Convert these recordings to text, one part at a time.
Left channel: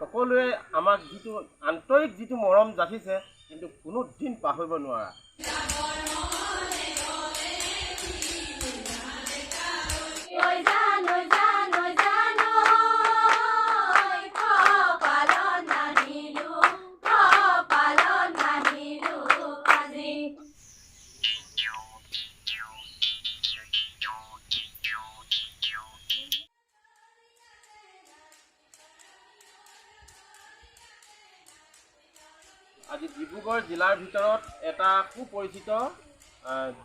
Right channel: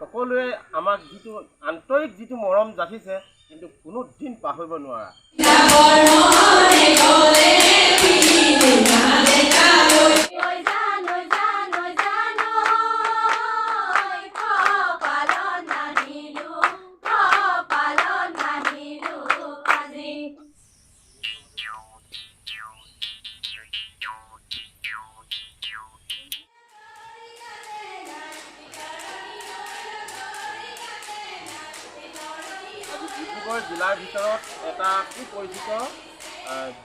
সকলোৱে আমাক যিটো আন্তৰিক যিটো মৰম যাচিছে কিন্তু কোনো দিন পাহৰিব নোৱাৰা। আজি ডিব্ৰুগড় জিলাৰ ভিতৰত এটা সুপৰিচিত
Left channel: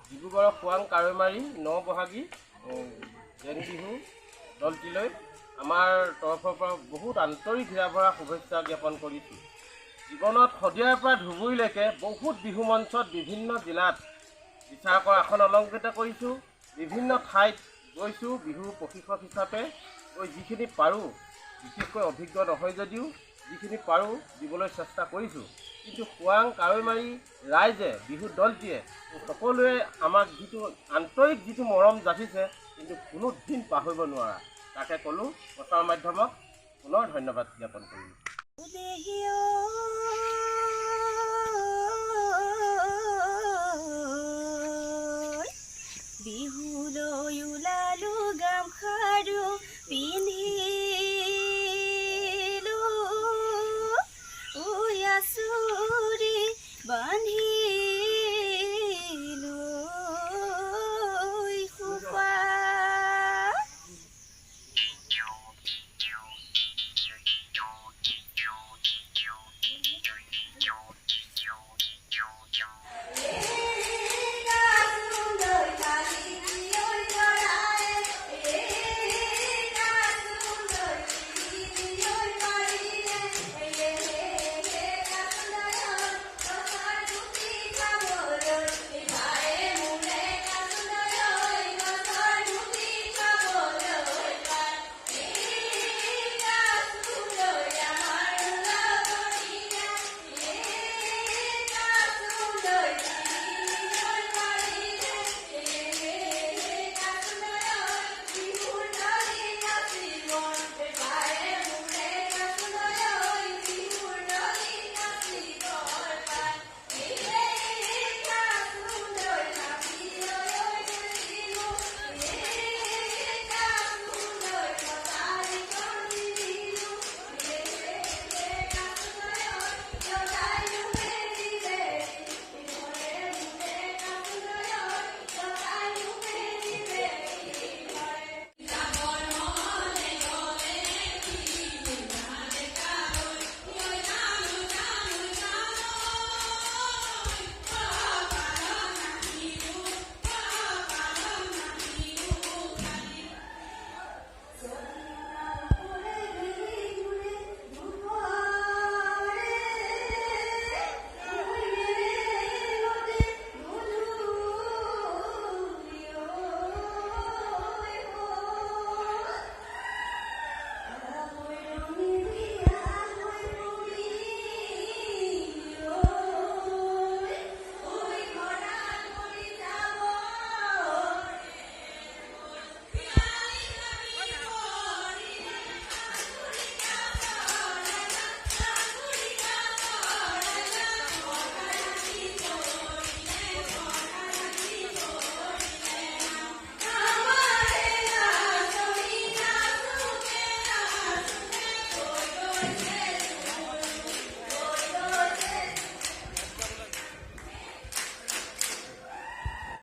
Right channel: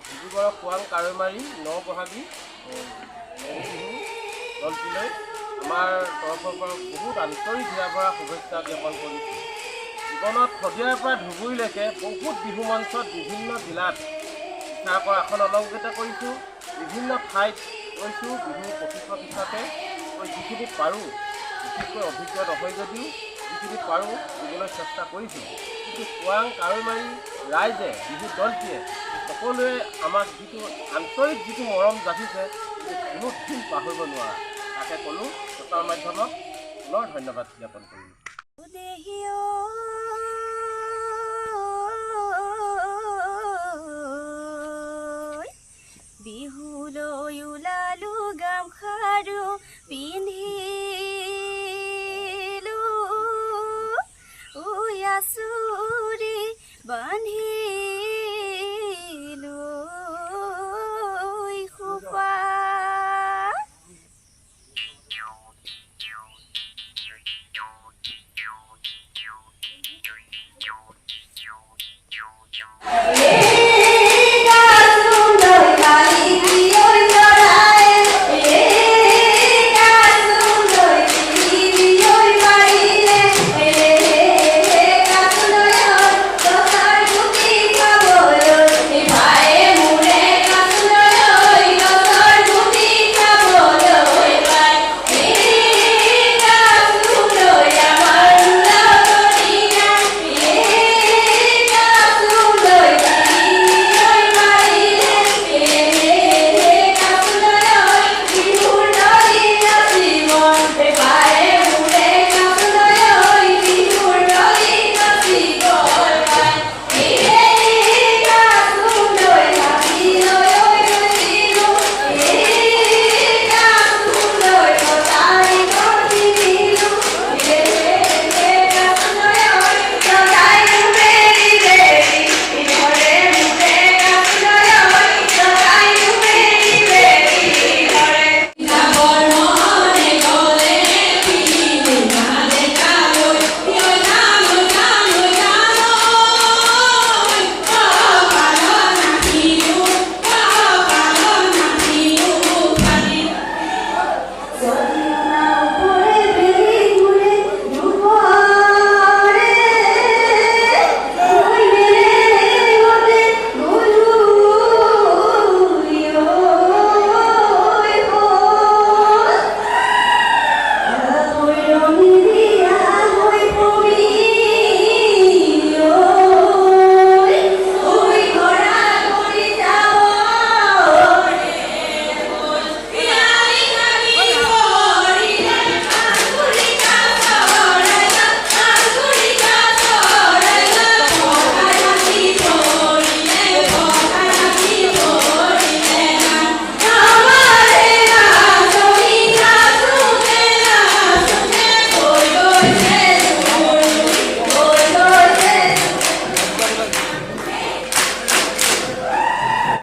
ডিব্ৰুগড়ৰ খোৱাং কাৱৈমাৰী নবহাগী মেজি বিহু দলটিলৈ আমাৰ তৰফৰ পৰা বহুত আন্তৰিক হৃদয় ভৰা শুভেচ্ছা জ্ঞাপন কৰিছোঁ। জীৱনত শদিয়াৰ পৰা ধুবুৰীলৈকে বহুত বিহু মঞ্চত বিভিন্ন জিলাত বিচাৰকৰ আসন অলংকৃত কৰিছোঁ, বিভিন্ন ঠাইত গৈছোঁ বিহু প্ৰশিক্ষক হিচাপে। যিখিনি পাৰোঁ, বিশেষকৈ অভিজ্ঞ নহয় যদিও যিখিনি পাৰোঁ দিবলৈ চেষ্টা কৰিছোঁ। কিন্তু খোৱাং কাৱৈমাৰী ৰাইজে বিহু দলটিয়ে সকলোৱে আমাক যিটো আন্তৰিক যিটো মৰম যাচিছে কিন্তু কোনো দিন পাহৰিব নোৱাৰা। তাকে ক'লোঁ, প্ৰচাৰ মাধ্যমক পুনৰ ধন্যবাদ জ্ঞাপন কৰিলোঁ। বিহুলৈ ওলালো গামখাৰু